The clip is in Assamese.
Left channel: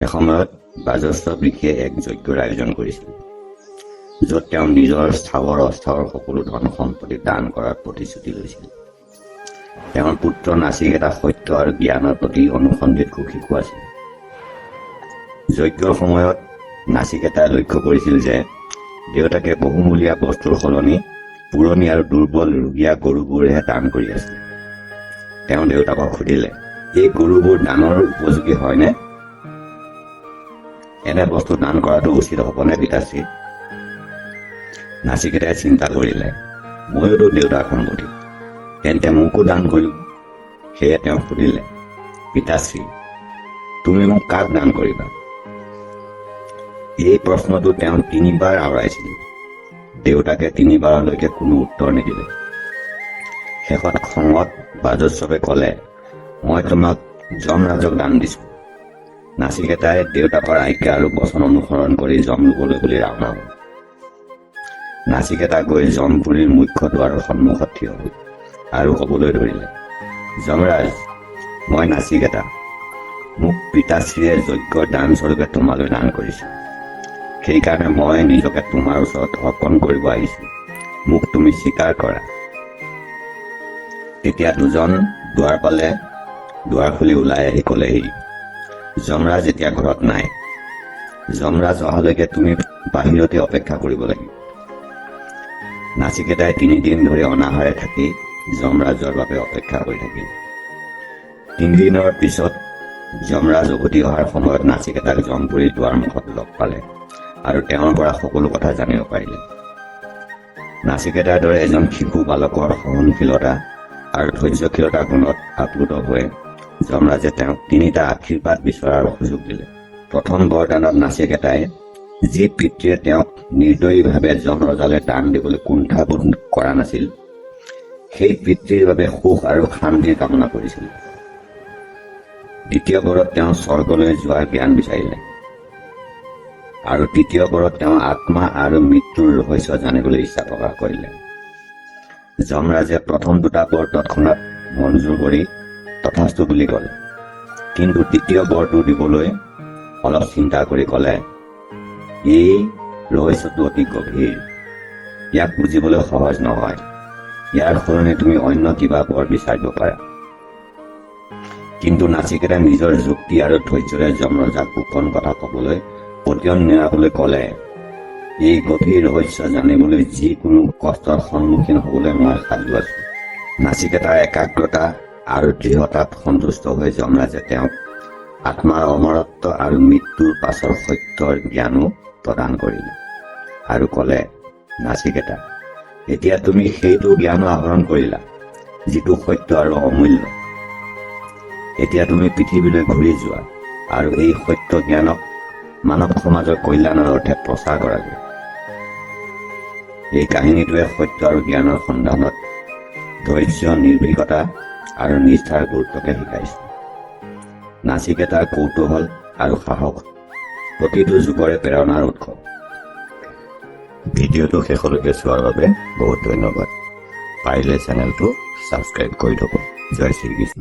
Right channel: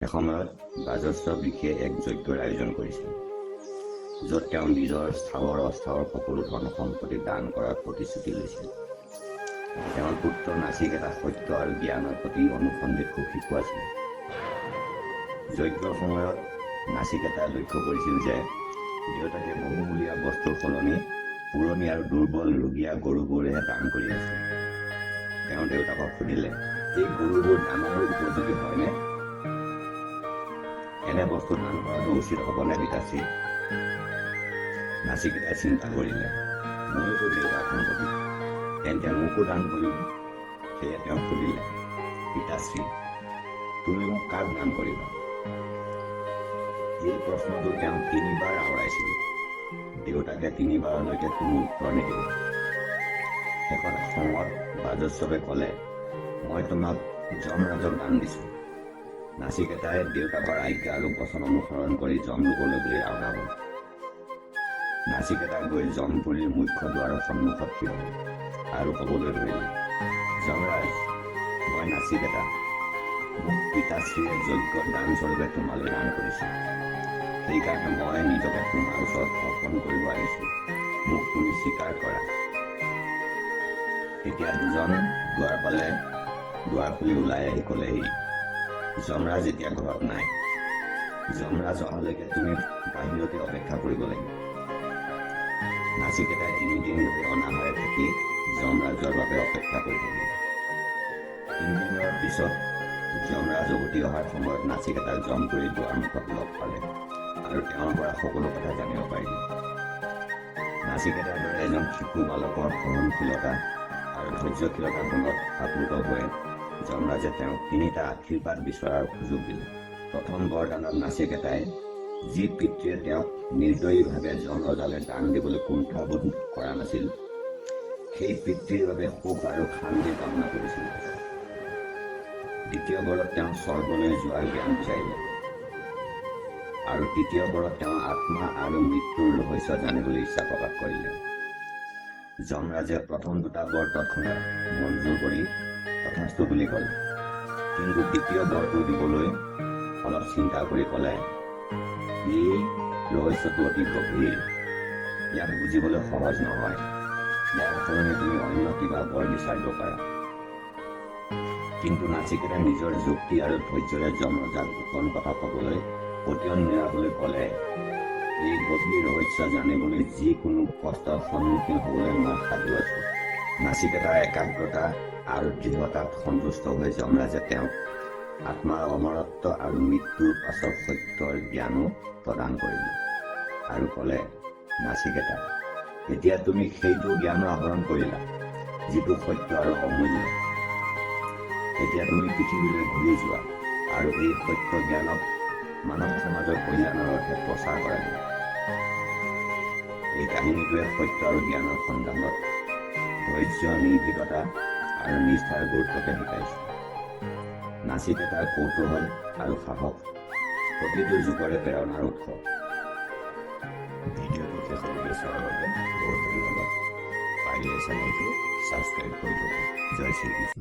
এসময়ত বাজস্ব ঋষিয়ে এক যজ্ঞৰ আয়োজন কৰিছিল, য'ত তেওঁ নিজৰ স্থাৱৰ অস্থাৱৰ সকলো ধন সম্পত্তি দান কৰাৰ প্ৰতিশ্ৰুতি লৈছিল। তেওঁৰ পুত্ৰ নাচিকেতা সত্য আৰু জ্ঞানৰ প্ৰতি অনুসন্ধিৎসু শিশু আছিল। যজ্ঞৰ সময়ত নাচিকেতাই লক্ষ্য কৰিছিল যে দেউতাকে বহুমূলীয়া বস্তুৰ সলনি পুৰণি আৰু দুৰ্বল ৰোগীয়া গৰুবোৰহে দান কৰি আছিল। তেওঁ দেউতাকক সুধিলে, এই গৰুবোৰ দানৰ উপযোগী হয়নে? এনে বস্তু দান কৰাটো উচিত হ'বনে পিতাশ্ৰী? নাচিকেতাই চিন্তা কৰিলে, ময়োতো দেউতাৰ সংগতি, তেন্তে মোকো দান কৰিম। সেয়ে তেওঁ সুধিলে, পিতাশ্ৰী, তুমি মোক কাক দান কৰিবা? এই প্ৰশ্নটো তেওঁ 3বাৰ আওৰাইছিল। দেউতাকে 3বাৰলৈকে কোনো উত্তৰ নিদিলে। শেষত খঙত বাজস্বৱে ক'লে, মই তোমাক যমৰাজক দান দিছো। নাচিকেতাই দেউতাকৰ আজ্ঞা আৰু বচন অনুসৰণ কৰি যম লবলৈ বুলি ৰাওনা হ'ল। নাচিকেতা গৈ যমপুৰীৰ মুখ্য দুৱাৰৰ সন্মুখত থিয় হ'ল আৰু ক'বলৈ ধৰিলে, যমৰাজ, মই নাচিকেতা। মোক পিতাশ্ৰীয়ে যজ্ঞৰ দান স্বৰূপে তোমালৈ দান কৰিছো। সেইকাৰণে মই নিজকে তোমাৰ ওচৰত অৰ্পণ কৰিব আহিছো। মোক তুমি স্বীকাৰ কৰা। তেতিয়া দুজন দুৱাৰ পালে। দুৱাৰ খুলি ওলাই আহি ক'লেহি, যমৰাজ এতিয়া ঘৰত নাই। যমৰাজ অহালৈকে তুমি বাহিৰতে অপেক্ষা কৰিব লাগিব। নাচিকেতাই 3 দিন ধৰি অনাহাৰে থাকি যমৰাজৰ বাবে অপেক্ষা কৰি থাকিল। 3 দিনৰ পিছত যমৰাজ উভতি অহাৰ সময়ত নাচিকেতাক যমপুৰীৰ দুৱাৰমুখত লগ পালে আৰু তেওঁৰ পৰা সকলো কথা জানিব পাৰিলে। নাচিকেতাৰ দৰে এজন শিশু বালকৰ সহনশীলতা আৰু ধৈৰ্যশীলতাৰ গুণত আপ্লুত হৈ যমৰাজে তেওঁক 3টা আশীৰ্বাদ বিচৰাৰ সুযোগ দিলে। প্ৰথম বৰদানত নাচিকেতাই যি পিতৃয়ে তেওঁক নিৰ্দয়ীভাৱে যমৰজালৈ দান দিবলৈ কুণ্ঠাবোধ কৰা নাছিল, সেই পিতৃৰ বাবে সুখ আৰু শান্তিৰ কামনা কৰিছিল। দ্বিতীয় বৰত তেওঁ স্বৰ্গলৈ যোৱাৰ জ্ঞান বিচাৰিলে আৰু তৃতীয় বৰত তেওঁ আত্মা আৰু মৃত্যুৰ ৰহস্য জানিবলৈ ইচ্ছা প্ৰকাশ কৰিলে। যমৰাজে প্ৰথম 2টা বৰ তৎক্ষণাৎ মঞ্জুৰ কৰি তথাস্তু বুলি ক'লে, কিন্তু দ্বিতীয় বৰটো দিবলৈ অলপ চিন্তা কৰি ক'লে, এই ৰহস্যটো অতি গভীৰ, ইয়াক বুজিবলৈ সহজ নহয়। ইয়াৰ সলনি তুমি অন্য কিবা বৰ বিচাৰিব পাৰা। কিন্তু নাচিকেতাই নিজৰ যুক্তি আৰু ধৈৰ্যৰে যমৰজাক গোপন কথা ক'বলৈ পতিয়ন নেৰাবলৈ ক'লে, এই গভীৰ ৰহস্য জানিবলৈ যিকোনো কষ্টৰ সন্মুখীন হ'বলৈ মই সাজু আছো। নাচিকেতাৰ একাগ্ৰতা আৰু দৃঢ়তাত সন্তুষ্ট হৈ যমৰাজে তেওঁক আত্মাৰ অমৰত্ব আৰু মৃত্যুৰ পাছৰ সত্যৰ জ্ঞানো প্ৰদান কৰিলে আৰু ক'লে, নাচিকেতা, এতিয়া তুমি সেইটো জ্ঞানো আহৰণ কৰিলা যিটো সত্য আৰু অমূল্য। এতিয়া তুমি পৃথিৱীলৈ ঘূৰি যোৱা আৰু এই সত্য জ্ঞানক মানৱ সমাজৰ কল্যাণৰ অৰ্থে প্ৰচাৰ কৰাগৈ। এই কাহিনীটোৱে সত্য আৰু জ্ঞানৰ সন্ধানত ধৈৰ্য, নিৰ্ভীকতা আৰু নিষ্ঠাৰ গুৰুত্বকে শিকাইছে। নাচিকেতাৰ কৌতূহল আৰু সাহস প্ৰতিটো যুগৰে প্ৰেৰণাৰ উৎস। ভিডিঅ'টো শেষলৈকে চোৱাৰ বাবে বহুত ধন্যবাদ। পাৰিলে চেনেলটো ছাবস্ক্ৰাইব কৰি থ'ব। জয় শ্ৰীকৃষ্ণ।